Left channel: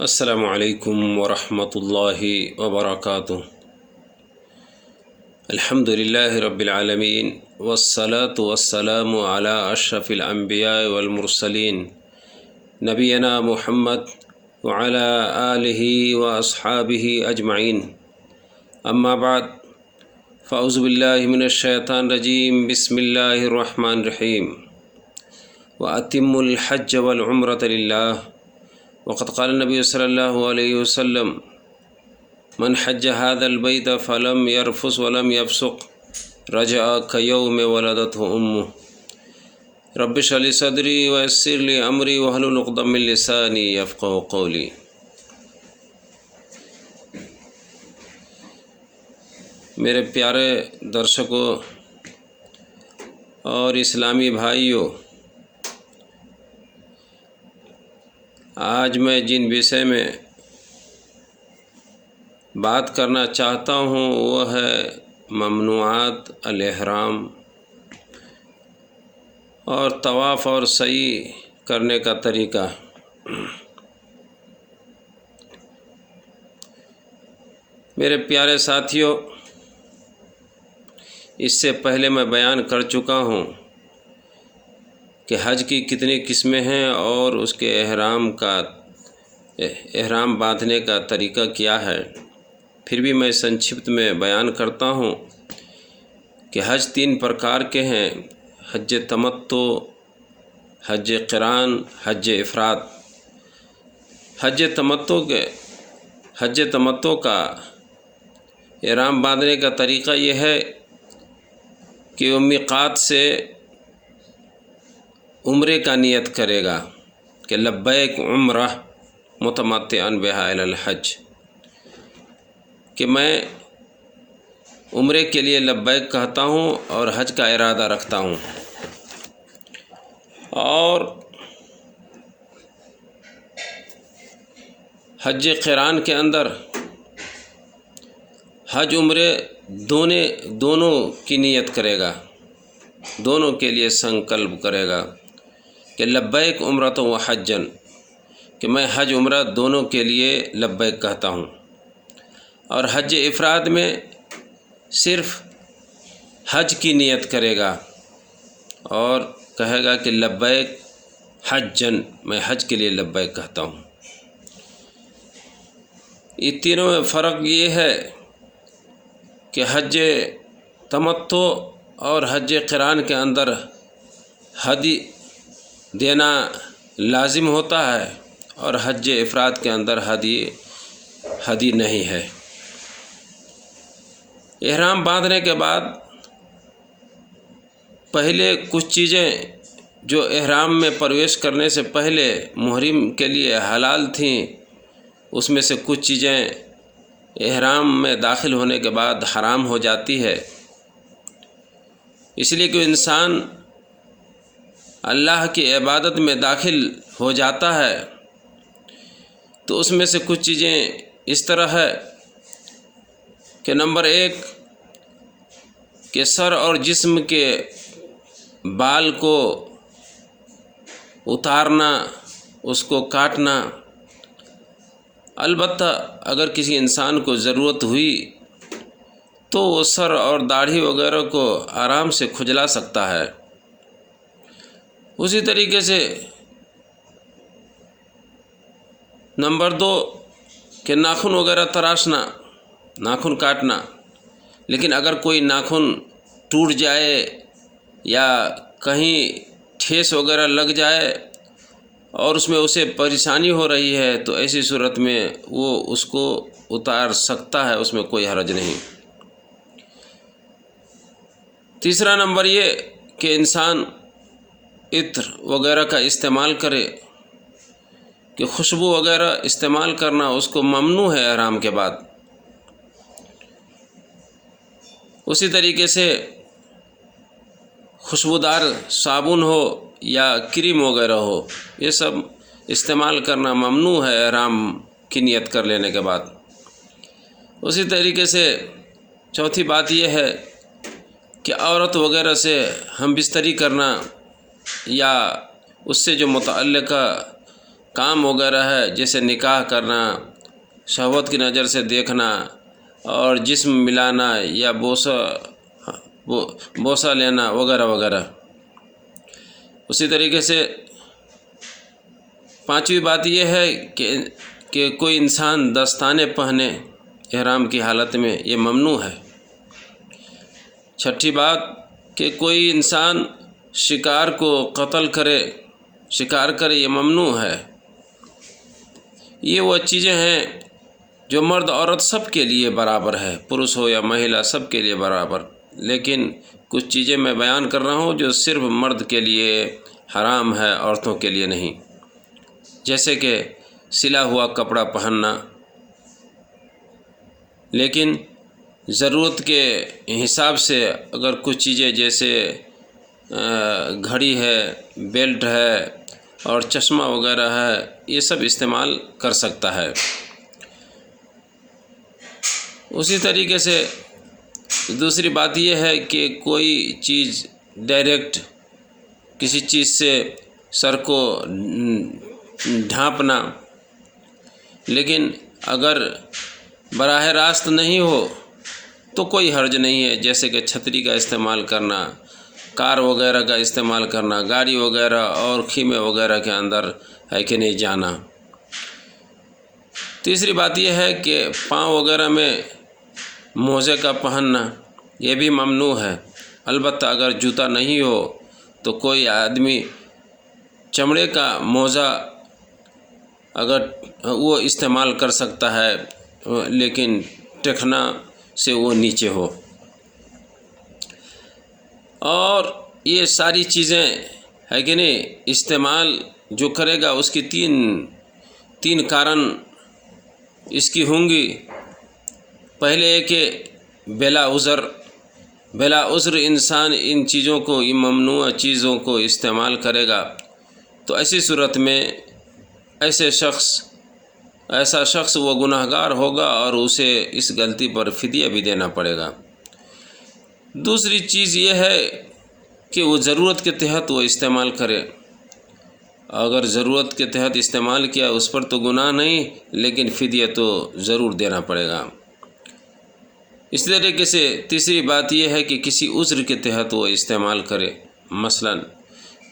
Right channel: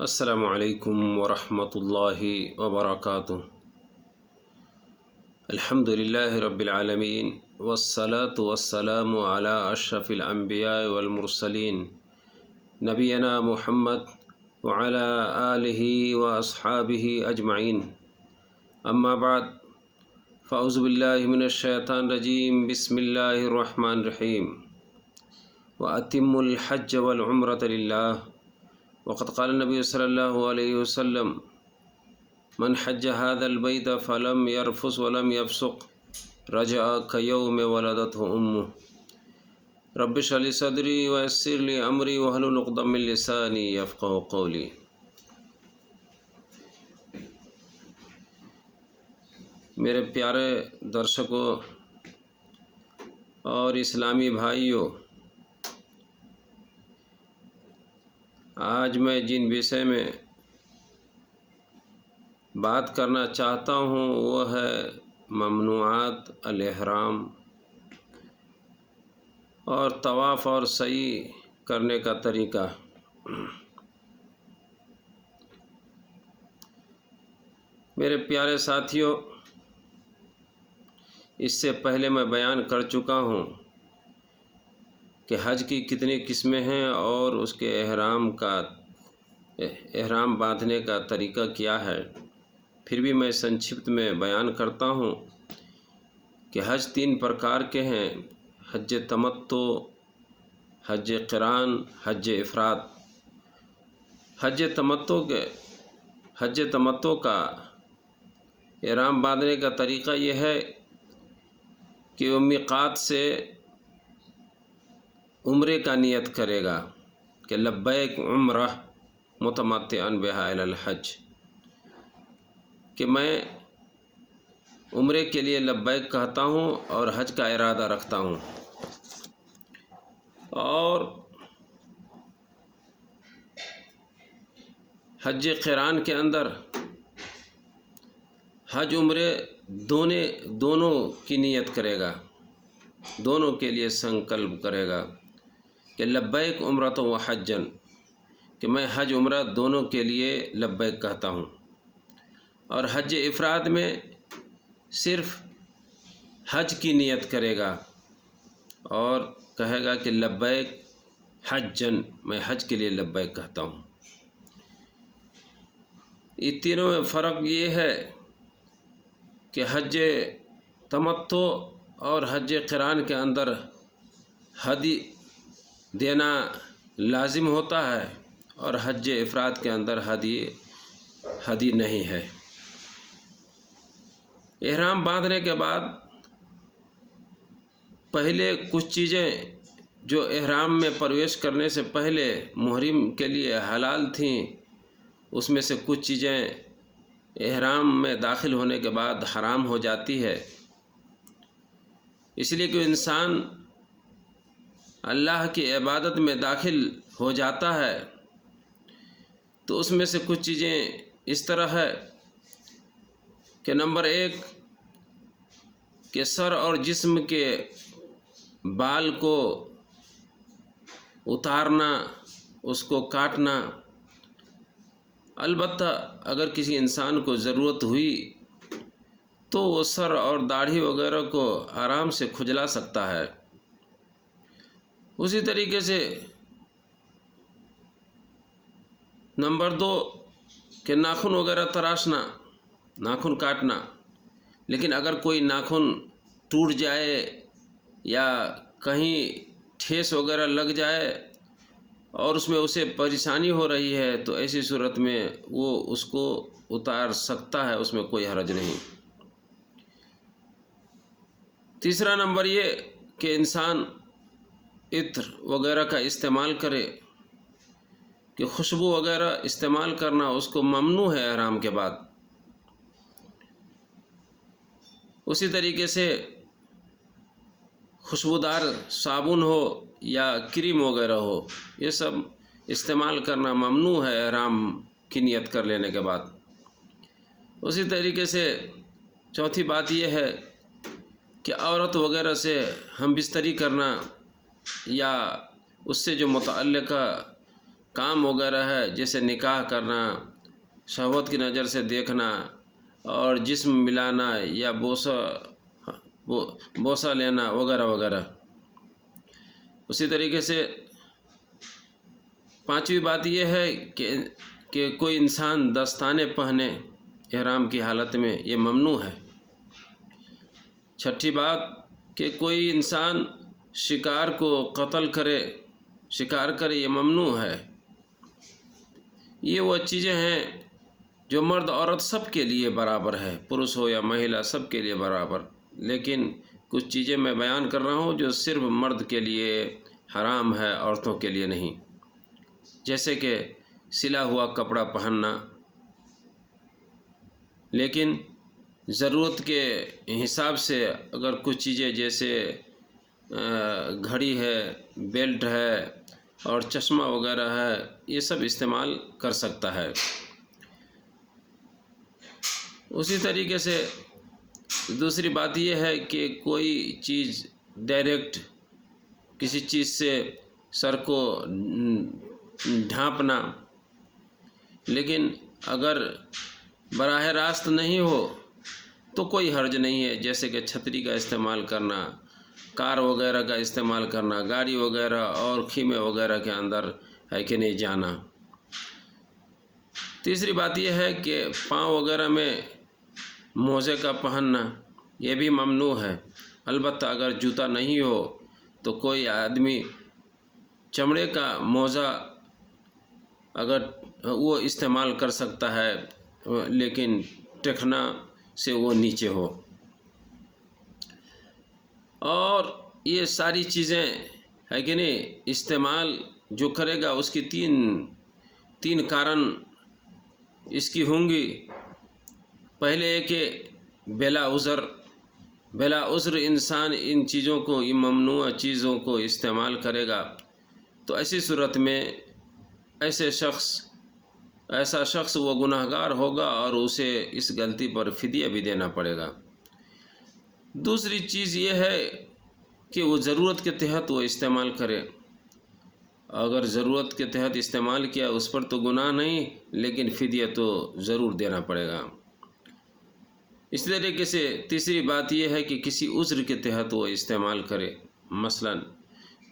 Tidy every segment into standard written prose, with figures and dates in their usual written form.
السلام علیکم ورحمۃ اللہ وبرکاتہ۔ الحمد للہ رب العالمین والصلاة والسلام علی اشرف الانبیاء والمرسلین نبینا محمد وعلی آلہ واصحابہ اجمعین، اما بعد فاعوذ باللہ من الشیطان الرجیم، بسم اللہ الرحمن الرحیم۔ وَأَتِمُّوا الْحَجَّ وَالْعُمْرَةَ لِلَّهِ وقد قال النبي صلى الله عليه وسلم من حج هذا البيت فلم يرفث ولم يفسق رجع كيوم ولدته أمه رب اشرح لي صدري ويسر لي أمري واحلل عقدة من لساني يفقهوا قولي۔ میرے پیارے درشکوں اور اسلامی بھائیوں، آج میں جن وشے میں بات کرنا چاہتا ہوں وہ ہے ممنوعات الاحرام اور طواف اور سعی کرنے کا طریقہ۔ میرے پیارے ساتھیوں، اس سے پہلے میں بیان کر چکا ہوں کہ حج کی کتنی قسمیں ہیں اور اس کے احرام باندھنے کا طریقہ کیا ہے۔ پھر بھی میں سنکشپت میں بیان کرتا ہوں کہ حج 3 پرکار کے ہیں: حج تمتع، حج قران، حج افراد۔ حج تمتع کا احرام باندھنے کا طریقہ یہ ہے کہ وہ میقات سے عمرے کا نیت کرے گا کہ لبیک عمرہ متمتعا بہا الی الحج، کہ میں عمرے کے لیے لبیک کہتا ہوں اور حج کا ارادہ رکھتا ہوں۔ اور حج قران کے اندر حج عمرے دونوں کی نیت کرے گا، دونوں کے لیے سنکلپ کرے گا کہ لبیک عمرۃ و حجن، کہ میں حج عمرہ دونوں کے لیے لبیک کہتا ہوں۔ اور حج افراد میں صرف حج کی نیت کرے گا اور کہے گا کہ لبیک حجن، میں حج کے لیے لبیک کہتا ہوں۔ یہ تینوں میں فرق یہ ہے کہ حج تمتع اور حج قران کے اندر ہدی دینا لازم ہوتا ہے اور حج افراد کے اندر ہدی نہیں ہے۔ احرام باندھنے کے بعد پہلے کچھ چیزیں جو احرام میں پرویش کرنے سے پہلے محرم کے لیے حلال تھیں، اس میں سے کچھ چیزیں احرام میں داخل ہونے کے بعد حرام ہو جاتی ہے۔ اس لیے کہ انسان اللہ کی عبادت میں داخل ہو جاتا ہے تو اس میں سے کچھ چیزیں اس طرح ہے کہ نمبر 1 کہ سر اور جسم کے بال کو اتارنا، اس کو کاٹنا۔ البتہ اگر کسی انسان کو ضرورت ہوئی تو وہ سر اور داڑھی وغیرہ کو آرام سے کھجلا سکتا ہے۔ اسی طریقے سے نمبر 2 کہ ناخن وغیرہ تراشنا، ناخن کاٹنا۔ لیکن اگر کوئی ناخن ٹوٹ جائے یا کہیں ٹھیس وغیرہ لگ جائے اور اس میں اسے پریشانی ہو رہی ہے تو ایسی صورت میں وہ اس کو اتار سکتا ہے، اس میں کوئی حرج نہیں۔ تیسرا نمبر یہ کہ انسان عطر وغیرہ کا استعمال کرے، کہ خوشبو وغیرہ استعمال کرنا اس کو ممنوع ہے احرام کے بعد۔ اسی طریقے سے خوشبودار صابن ہو یا کریم وغیرہ ہو، یہ سب استعمال کرنا ممنوع ہے احرام کی نیت کر لینے کے بعد۔ اسی طریقے سے چوتھی بات یہ ہے کہ عورت وغیرہ سے ہم بستری کرنا یا اس سے جو متعلقہ کام وغیرہ ہے جیسے نکاح کرنا، شہوت کی نظر سے دیکھنا اور جسم ملانا یا بوسہ لینا وغیرہ وغیرہ۔ اسی طریقے سے پانچویں بات یہ ہے کہ کوئی انسان دستانے پہنے احرام کی حالت میں، یہ ممنوع ہے۔ چھٹی بات کہ کوئی انسان شکار کو قتل کرے، شکار کرے، یہ ممنوع ہے۔ یہ وہ چیزیں ہیں جو مرد عورت سب کے لیے برابر ہے، پروش ہو یا مہیلا سب کے لیے برابر، لیکن کچھ چیزیں میں بیان کر رہا ہوں جو صرف مرد کے لیے حرام ہے، عورتوں کے لیے نہیں، جیسے کہ سلا ہوا کپڑا پہننا، لیکن ضرورت کے حساب سے اگر کچھ چیزیں جیسے گھڑی ہے، بیلٹ ہے اور چشمہ وغیرہ ہے، یہ سب استعمال کر سکتا ہے۔ اسی طریقے سے دوسری بات یہ ہے کہ کوئی چیز ڈائریکٹ کسی چیز سے سر کو ڈھانپنا، لیکن اگر براہ راست نہیں ہو تو کوئی حرج نہیں ہے، جیسے کہ چھتری کا استعمال کرنا، کار وغیرہ کا استعمال کرنا، گاڑی وغیرہ اور خیمے وغیرہ کے اندر ہے کہ نہیں جانا۔ تیسری بات یہ ہے کہ پاؤں وغیرہ میں موزے کا پہننا، یہ بھی ممنوع ہے، البتہ اگر جوتا نہیں ہو تو کوئی آدمی چمڑے کا موزہ اگر وہ استعمال کر سکتا ہے، لیکن ٹخنا سے وہ نیچے ہو۔ اور یہ ساری چیزیں ہے کہ نہیں استعمال جو کرے گا اس کی تین کارن اس کی ہوں گی۔ پہلے ہے کہ بلا عذر انسان ان چیزوں کو، ان ممنوع چیزوں کو استعمال کرے گا تو ایسی صورت میں ایسا شخص وہ گناہگار ہوگا اور اسے اس غلطی پر فدیہ بھی دینا پڑے گا۔ دوسری چیز یہ ہے کہ وہ ضرورت کے تحت وہ استعمال کرے، اگر ضرورت کے تحت استعمال کیا اس پر تو گناہ نہیں، لیکن فدیہ تو ضرور دینا پڑے گا۔ اس طریقے سے تیسری بات یہ ہے کہ کسی عذر کے تحت وہ استعمال کرے، مثلا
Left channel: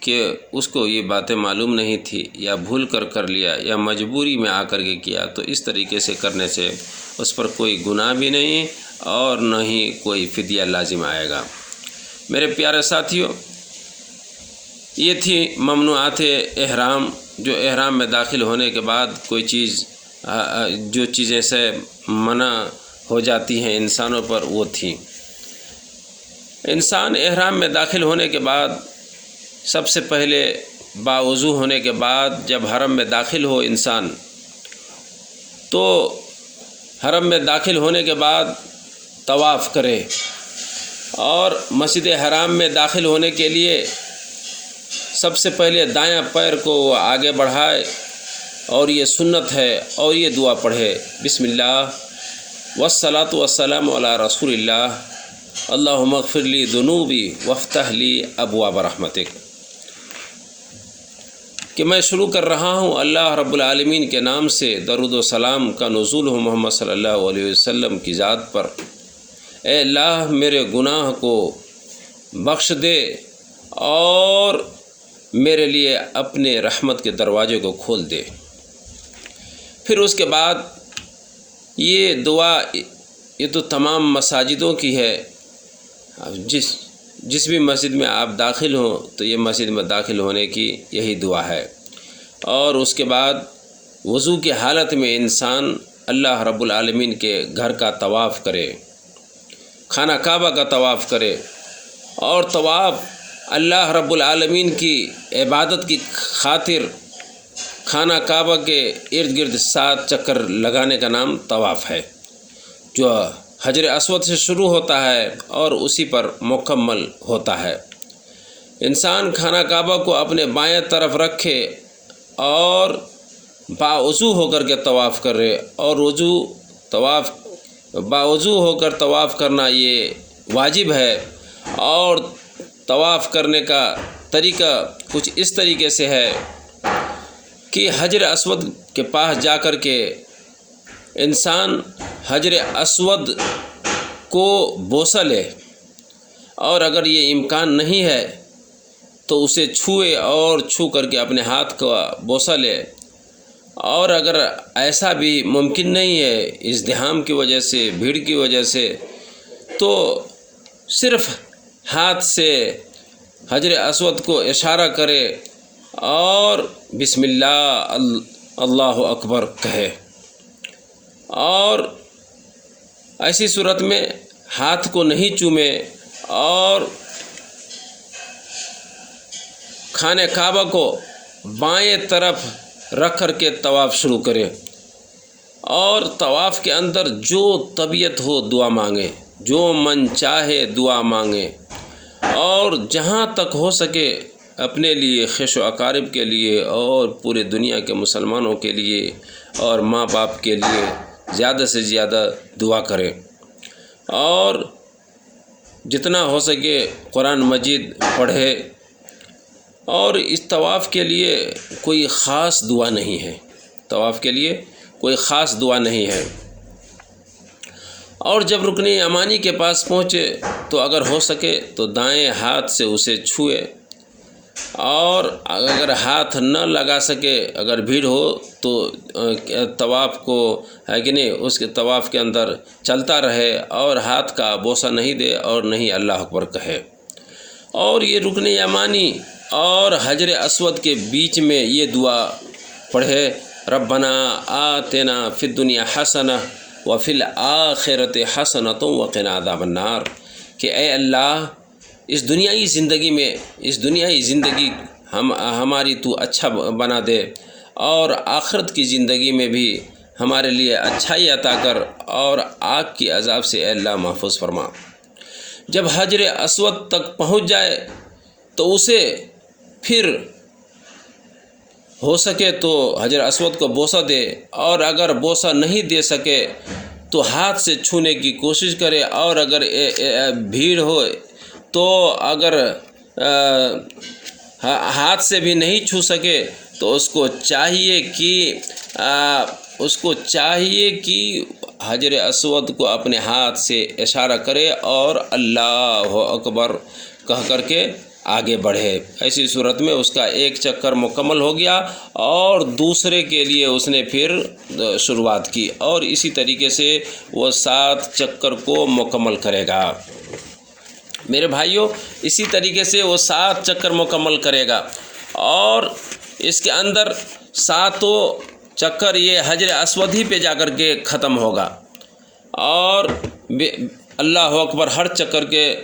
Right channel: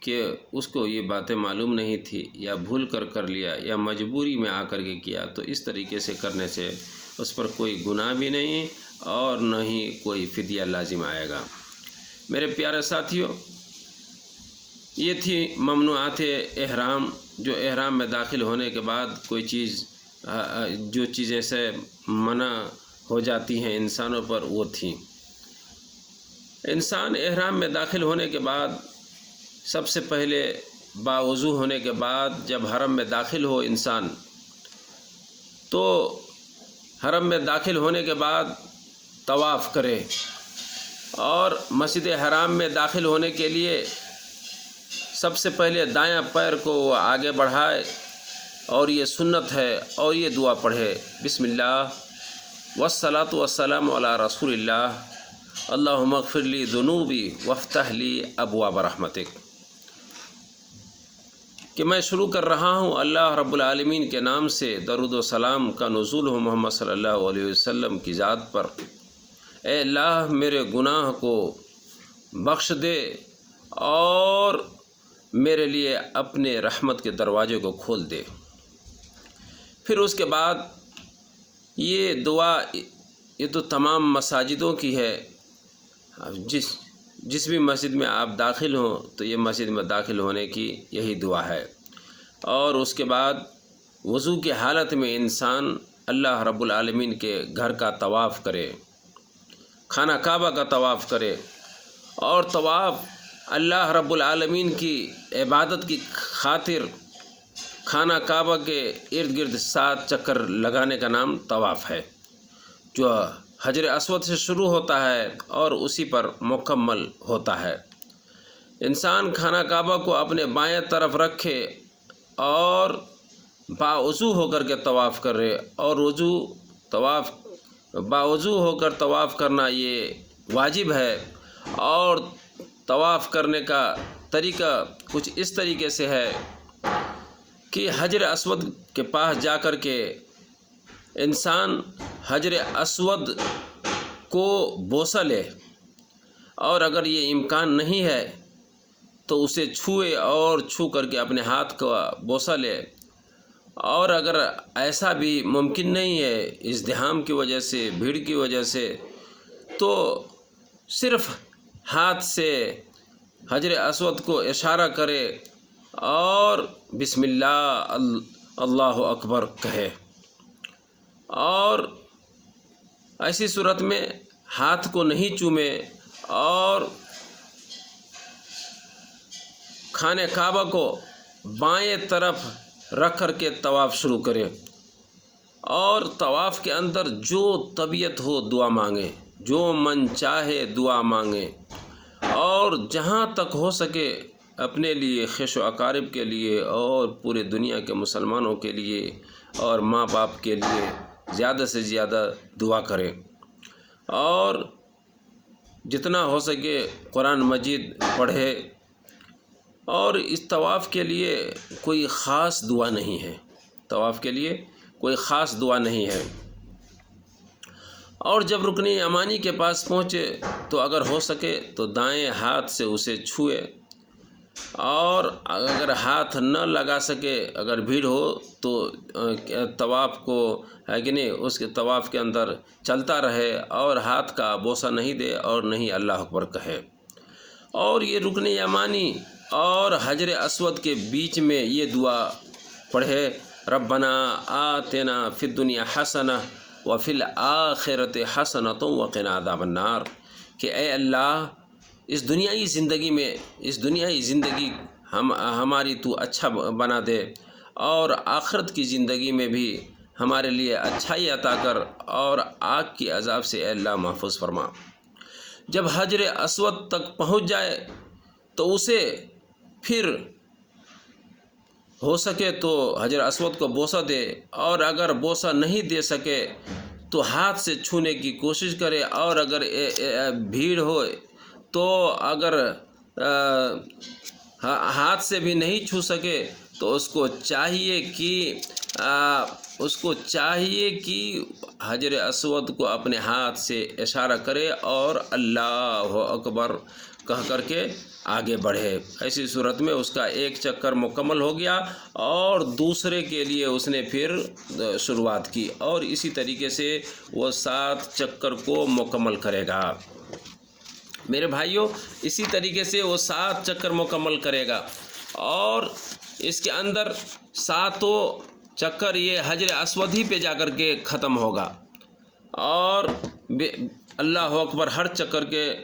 کہ اس کو یہ باتیں معلوم نہیں تھی یا بھول کر لیا یا مجبوری میں آ کر کے کیا، تو اس طریقے سے کرنے سے اس پر کوئی گناہ بھی نہیں اور نہ ہی کوئی فدیہ لازم آئے گا۔ میرے پیارے ساتھیوں، یہ تھی ممنوعات احرام، جو احرام میں داخل ہونے کے بعد کوئی چیز جو چیزیں سے منع ہو جاتی ہیں انسانوں پر، وہ تھی۔ انسان احرام میں داخل ہونے کے بعد سب سے پہلے باوضو ہونے کے بعد جب حرم میں داخل ہو انسان، تو حرم میں داخل ہونے کے بعد طواف کرے، اور مسجد حرام میں داخل ہونے کے لیے سب سے پہلے دایاں پیر کو وہ آگے بڑھائے، اور یہ سنت ہے، اور یہ دعا پڑھے، بسم اللہ والصلاۃ والسلام علی رسول اللہ، اللہم اغفر لی ذنوبی وافتح لی ابواب رحمتک، کہ میں شروع کر رہا ہوں اللہ رب العالمین کے نام سے، درود و سلام کا نزول ہو محمد صلی اللہ علیہ وسلم کی ذات پر۔ اے اللہ میرے گناہ کو بخش دے اور میرے لیے اپنے رحمت کے دروازے کو کھول دے۔ پھر اس کے بعد یہ دعا، یہ تو تمام مساجدوں کی ہے، جس بھی مسجد میں آپ داخل ہوں تو یہ مسجد میں داخل ہونے کی یہی دعا ہے۔ اور اس کے بعد وضو کی حالت میں انسان اللہ رب العالمین کے گھر کا طواف کرے، خانہ کعبہ کا طواف کرے، اور طواف اللہ رب العالمین کی عبادت کی خاطر خانہ کعبہ کے ارد گرد 7 چکر لگانے کا نام طواف ہے، جو حجر اسود سے شروع ہوتا ہے اور اسی پر مکمل ہوتا ہے۔ انسان خانہ کعبہ کو اپنے بائیں طرف رکھے اور باوضو ہو کر کے طواف کرے، اور باوضو ہو کر طواف کرنا یہ واجب ہے۔ اور طواف کرنے کا طریقہ کچھ اس طریقے سے ہے کہ حجر اسود کے پاس جا کر کے انسان حجر اسود کو بوسہ لے، اور اگر یہ امکان نہیں ہے تو اسے چھوئے اور چھو کر کے اپنے ہاتھ کا بوسہ لے، اور اگر ایسا بھی ممکن نہیں ہے ازدحام کی وجہ سے، بھیڑ کی وجہ سے، تو صرف ہاتھ سے حجر اسود کو اشارہ کرے اور بسم اللہ اللہ اکبر کہے، اور ایسی صورت میں ہاتھ کو نہیں چومے اور خانہ کعبہ کو بائیں طرف رکھ کر کے طواف شروع کرے، اور طواف کے اندر جو طبیعت ہو دعا مانگے، جو من چاہے دعا مانگے، اور جہاں تک ہو سکے اپنے لیے، خویش و اقارب کے لیے، اور پورے دنیا کے مسلمانوں کے لیے اور ماں باپ کے لیے زیادہ سے زیادہ دعا کرے، اور جتنا ہو سکے قرآن مجید پڑھے۔ اور اس طواف کے لیے کوئی خاص دعا نہیں ہے، طواف کے لیے کوئی خاص دعا نہیں ہے۔ اور جب رکن یمانی کے پاس پہنچے تو اگر ہو سکے تو دائیں ہاتھ سے اسے چھوئے، اور اگر ہاتھ نہ لگا سکے، اگر بھیڑ ہو تو طواف کو ہے کہ نہیں، اس کے طواف کے اندر چلتا رہے اور ہاتھ کا بوسہ نہیں دے اور نہیں اللہ اکبر کہے۔ اور یہ رکن یمانی اور حجر اسود کے بیچ میں یہ دعا پڑھے، ربنا آتنا فی الدنیا حسنہ وفی الآخرۃ حسنۃ وقنا عذاب النار، کہ اے اللہ اس دنیائی زندگی ہماری تو اچھا بنا دے، اور آخرت کی زندگی میں بھی ہمارے لیے اچھائی عطا کر، اور آگ کی عذاب سے اے اللہ محفوظ فرما۔ جب حجر اسود تک پہنچ جائے تو اسے پھر ہو سکے تو حجر اسود کو بوسہ دے، اور اگر بوسہ نہیں دے سکے تو ہاتھ سے چھونے کی کوشش کرے، اور اگر بھیڑ ہو تو اگر ہاتھ سے بھی نہیں چھو سکے تو اس کو چاہیے کہ حجر اسود کو اپنے ہاتھ سے اشارہ کرے اور اللہ اکبر کہہ کر کے آگے بڑھے۔ ایسی صورت میں اس کا ایک چکر مکمل ہو گیا، اور دوسرے کے لیے اس نے پھر شروعات کی، اور اسی طریقے سے وہ 7 چکر کو مکمل کرے گا۔ میرے بھائیوں، اسی طریقے سے وہ 7 چکر مکمل کرے گا، اور اس کے اندر 7 چکر یہ حجر اسود ہی پہ جا کر کے ختم ہوگا، اور اللہ اکبر ہر چکر کے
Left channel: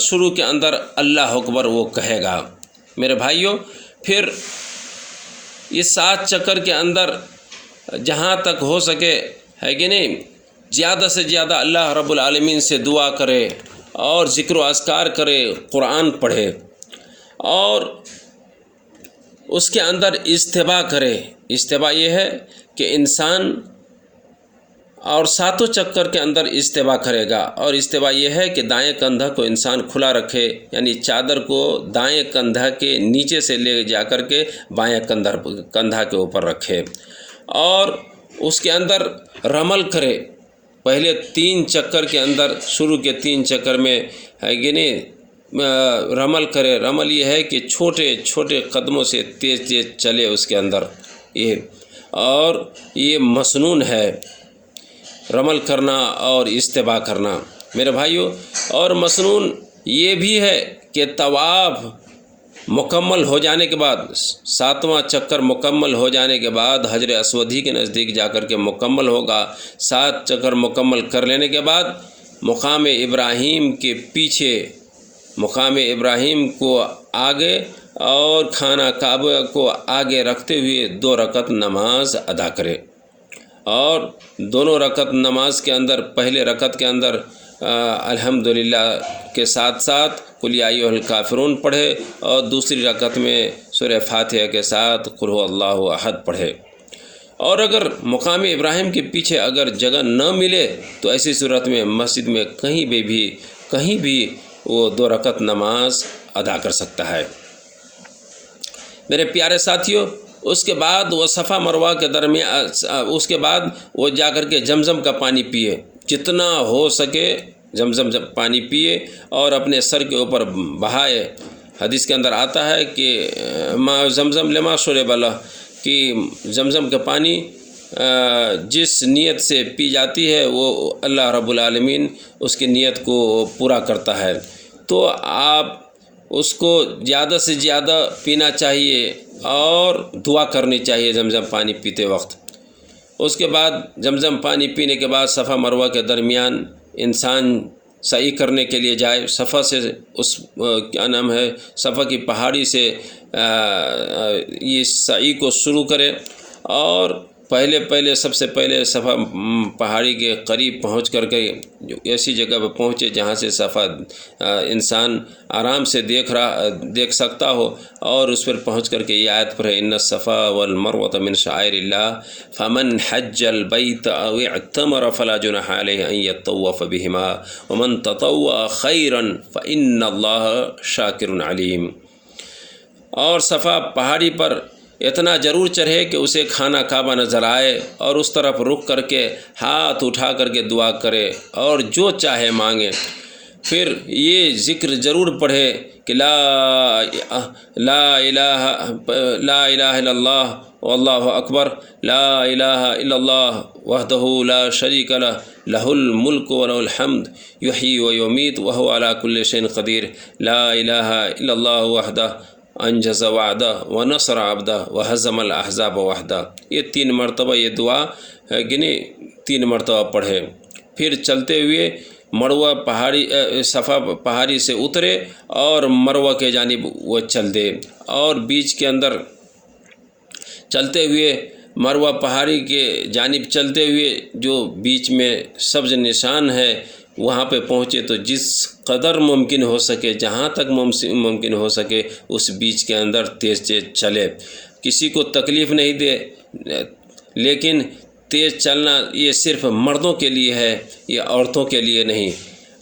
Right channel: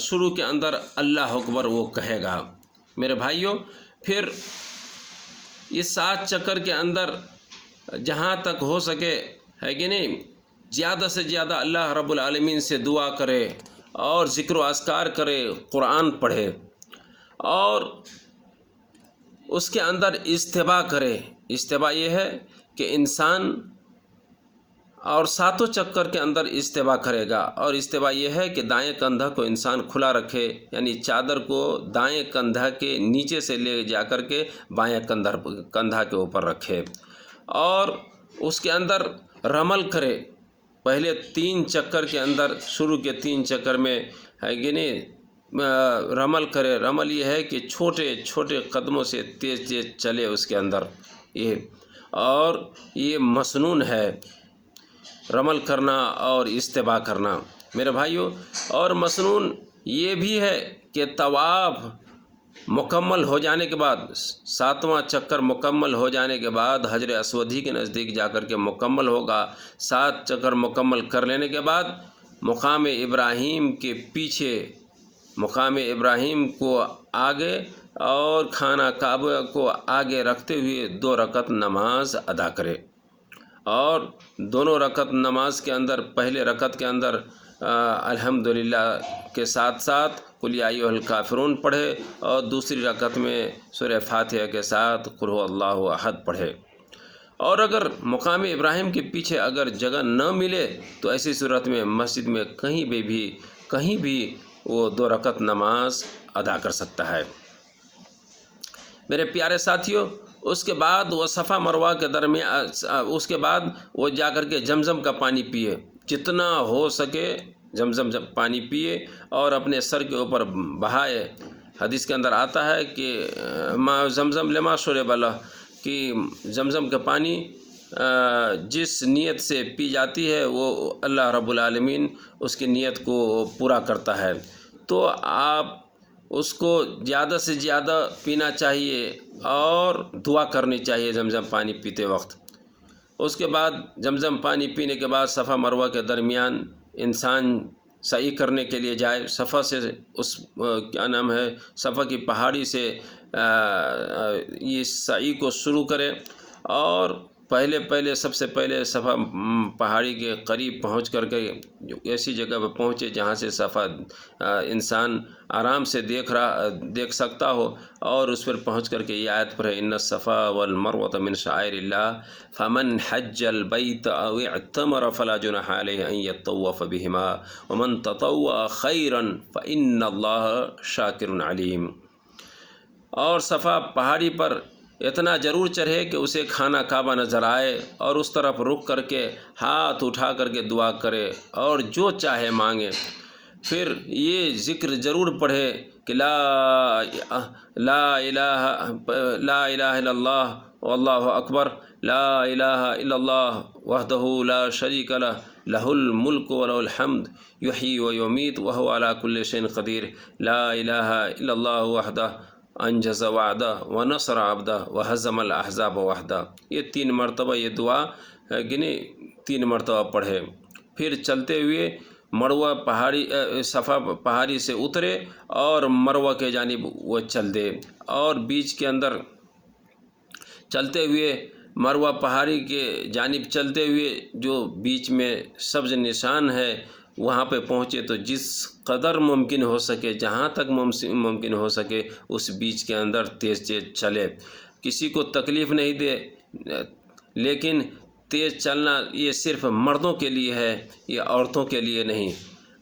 شروع کے اندر اللہ اکبر وہ کہے گا۔ میرے بھائیوں، پھر یہ 7 چکر کے اندر جہاں تک ہو سکے ہے کہ نہیں، زیادہ سے زیادہ اللہ رب العالمین سے دعا کرے اور ذکر و اذکار کرے، قرآن پڑھے، اور اس کے اندر اجتباء کرے۔ اجتباء یہ ہے کہ انسان اور 7 چکر کے اندر اجتباء کرے گا، اور اجتباء یہ ہے کہ دائیں کندھا کو انسان کھلا رکھے، یعنی چادر کو دائیں کندھا کے نیچے سے لے جا کر کے بائیں کندھا کے اوپر رکھے، اور اس کے اندر رمل کرے۔ پہلے 3 چکر کے اندر، شروع کے 3 چکر میں ہے کہ نہیں، رمل کرے۔ رمل یہ ہے کہ چھوٹے چھوٹے قدموں سے تیز تیز چلے اس کے اندر، اور یہ مسنون ہے رمل کرنا اور اجتباء کرنا میرے بھائیوں۔ اور مسنون یہ بھی ہے کہ طواف مکمل ہو جانے کے بعد، 7واں چکر مکمل ہو جانے کے بعد حجر اسود ہی کے نزدیک جا کر کے مکمل ہوگا۔ 7 چکر مکمل کر لینے کے بعد مقام ابراہیم کے پیچھے، مقام ابراہیم کو آگے اور خانہ کعبہ کو آگے رکھتے ہوئے 2 رکعت نماز ادا کرے، اور دونوں رکعت نماز کے اندر، پہلے رکعت کے اندر الحمدللہ کے ساتھ ساتھ قل یا ایھا الکافرون پڑھے، اور دوسری رکعت میں سورہ فاتحہ کے ساتھ قل ھو اللہ احد پڑھے۔ اور اگر مقام ابراہیم کے پیچھے اگر جگہ نہ ملے تو ایسی صورت میں مسجد میں کہیں بھی وہ 2 رکعت نماز ادا کر سکتا ہے۔ میرے پیارے ساتھیوں، اس کے بعد وہ صفا مروہ کے درمیان اس کے بعد وہ جا کر کے زمزم کا پانی پیے، جتنا ہو سکے زمزم پانی پیے اور اپنے سر کے اوپر بہائے۔ حدیث کے اندر آتا ہے کہ ما زمزم لما شرب لہ، کہ زمزم کا پانی جس نیت سے پی جاتی ہے وہ اللہ رب العالمین اس کی نیت کو پورا کرتا ہے۔ تو آپ اس کو زیادہ سے زیادہ پینا چاہیے اور دعا کرنی چاہیے زمزم پانی پیتے وقت۔ اس کے بعد زمزم پانی پینے کے بعد صفا مروہ کے درمیان انسان سعی کرنے کے لیے جائے، صفا سے اس کیا نام ہے صفا کی پہاڑی سے یہ سعی کو شروع کرے، اور پہلے سب سے پہلے صفا پہاڑی کے قریب پہنچ کر کے ایسی جگہ پہ پہنچے جہاں سے صفا انسان آرام سے دیکھ سکتا ہو، اور اس پر پہنچ کر کے یہ آیت پڑھے ان الصفا والمروۃ من شعائر اللہ فمن حج البیت او اعتمر فلا جناح علیہ ان یطوف بہما ومن تطوع خیرا فان اللہ شاکر علیم۔ اور صفا پہاڑی پر اتنا ضرور چڑھے کہ اسے خانہ کعبہ نظر آئے، اور اس طرف رک کر کے ہاتھ اٹھا کر کے دعا کرے اور جو چاہے مانگے۔ پھر یہ ذکر ضرور پڑھے کہ لا الہ الا اللہ واللہ اکبر، لا الہ الا اللہ وحدہ لا شریک لہ، لہ الملک ولہ الحمد یحیی و یمیت وہو علی کل شیء قدیر، لا الہ الا اللہ وحدہ انجز وعدہ ونصر عبدہ وہزم الاحزاب وحدہ۔ یہ 3 مرتبہ یہ دعا گنے 3 مرتبہ پڑھے۔ پھر چلتے ہوئے مروہ پہاڑی صفا پہاڑی سے اترے اور مروہ کے جانب وہ چل دے، اور بیچ کے اندر چلتے ہوئے مروہ پہاڑی کے جانب چلتے ہوئے جو بیچ میں سبز نشان ہے وہاں پہ پہنچے تو جس قدر ممکن ہو سکے، جہاں تک ممکن ہو سکے اس بیچ کے اندر تیز چلے، کسی کو تکلیف نہیں دے۔ لیکن تیز چلنا یہ صرف مردوں کے لیے ہے، یہ عورتوں کے لیے نہیں۔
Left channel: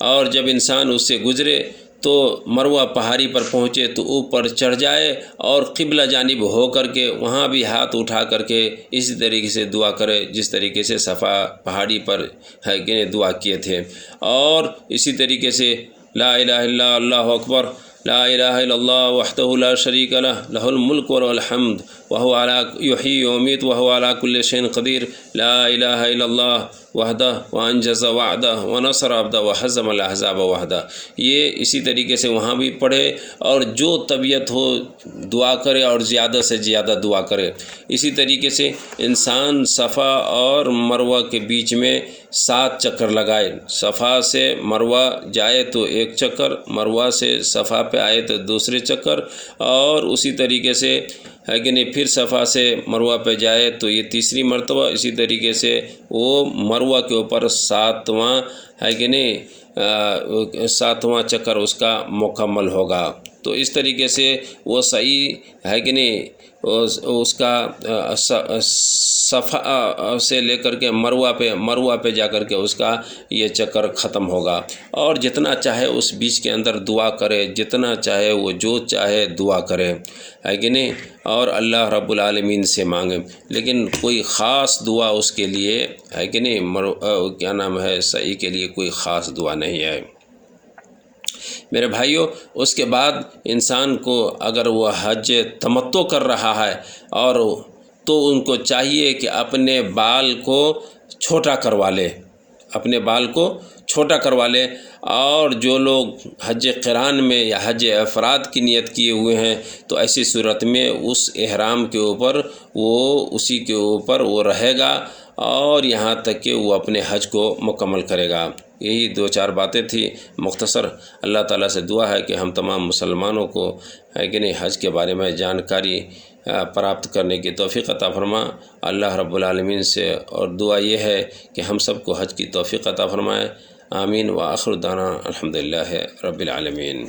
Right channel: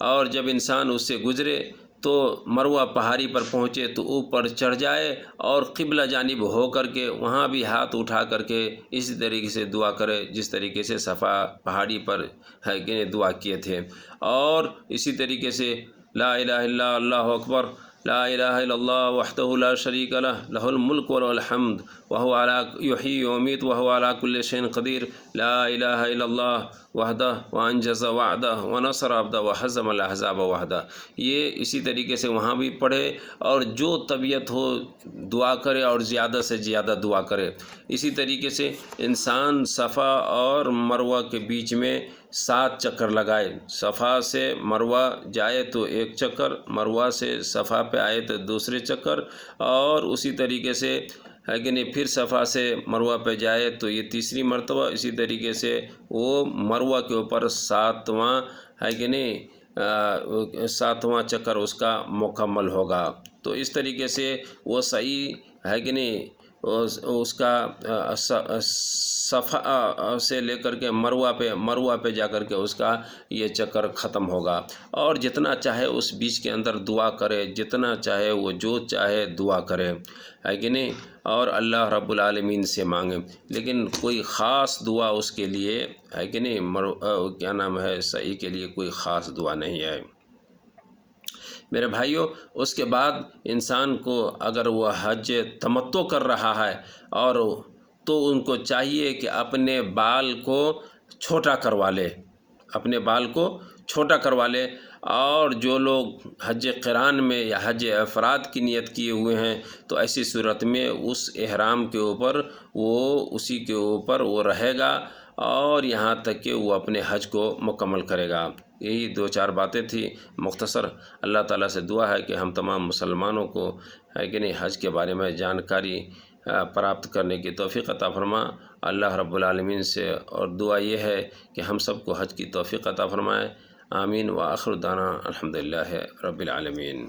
اور جب انسان اس سے گزرے تو مروہ پہاڑی پر پہنچے تو اوپر چڑھ جائے اور قبلہ جانب ہو کر کے وہاں بھی ہاتھ اٹھا کر کے اسی طریقے سے دعا کرے جس طریقے سے صفا پہاڑی پر ہے کہ دعا کیے تھے۔ اور اسی طریقے سے لا الہ الا اللہ اکبر، لا الہ الا اللہ وحدہ لا شریک لہ، لہ الملک ولہ الحمد وہو علی یحیی و یمیت وہو علی کل شیء قدیر، لا الہ الا اللہ وحدہ وانجز وعدہ ونصر عبدہ وہزم الاحزاب وحدہ۔ یہ اسی طریقے سے وہاں بھی پڑھے، اور جو طبیعت ہو دعا کرے اور زیادہ سے زیادہ دعا کرے۔ اسی طریقے سے انسان صفا اور مروہ کے بیچ میں 7 چکر لگائے، صفا سے مروہ جائے تو 1 چکر، مروہ سے صفا پہ آئے تو دوسرے چکر، اور اسی طریقے سے ہے کہ نہیں پھر صفا سے مروہ پہ جائے تو یہ تیسری مرتبہ، اسی طریقے سے وہ مروہ کے اوپر 7واں ہے کہ نہیں 7واں چکر اس کا مکمل ہوگا۔ تو اس طریقے سے وہ صحیح ہے کہ نہیں اس کا صفا سے لے کر کے مروہ پہ جا کر کے اس کا یہ چکر ختم ہوگا، اور جتنا چاہے اس بیچ کے اندر دعا کرے، جتنا چاہے وہ جو چاہے دعا کرے ہے کہ نہیں، اور اللہ رب العالمین سے مانگے۔ لیکن کوئی خاص دعا اس کے لیے ہے کہ نہیں کیا نام ہے صحیح کے لیے کوئی خاص دعا نہیں ہے۔ میرے بھائیوں، اس کے بعد انسان کو اگر وہ حج تمتع کر رہا ہے اور تو ان کو چاہیے کہ اپنے بال کو چھوٹا کروا لے، اپنے بال کو چھوٹا کروا لے۔ اور جو لوگ حج قران میں یا حج افراد کی نیت کیے ہوئے ہیں تو ایسی صورت میں اس احرام کے اوپر اسی کے اوپر وہ رہے گا، اور یہاں تک کہ وہ اپنے حج کو مکمل کرے گا۔ یہی 2-4 باتیں تھیں مختصر۔ اللہ تعالیٰ سے دعا ہے کہ ہم تمام مسلمانوں کو ہے کہ نہیں حج کے بارے میں جانکاری پراپت کرنے کی توفیق عطا فرما اللہ رب العالمین سے، اور دعا یہ ہے کہ ہم سب کو حج کی توفیق عطا فرمائے۔ آمین وآخر دعوانا الحمدللہ رب العالمین۔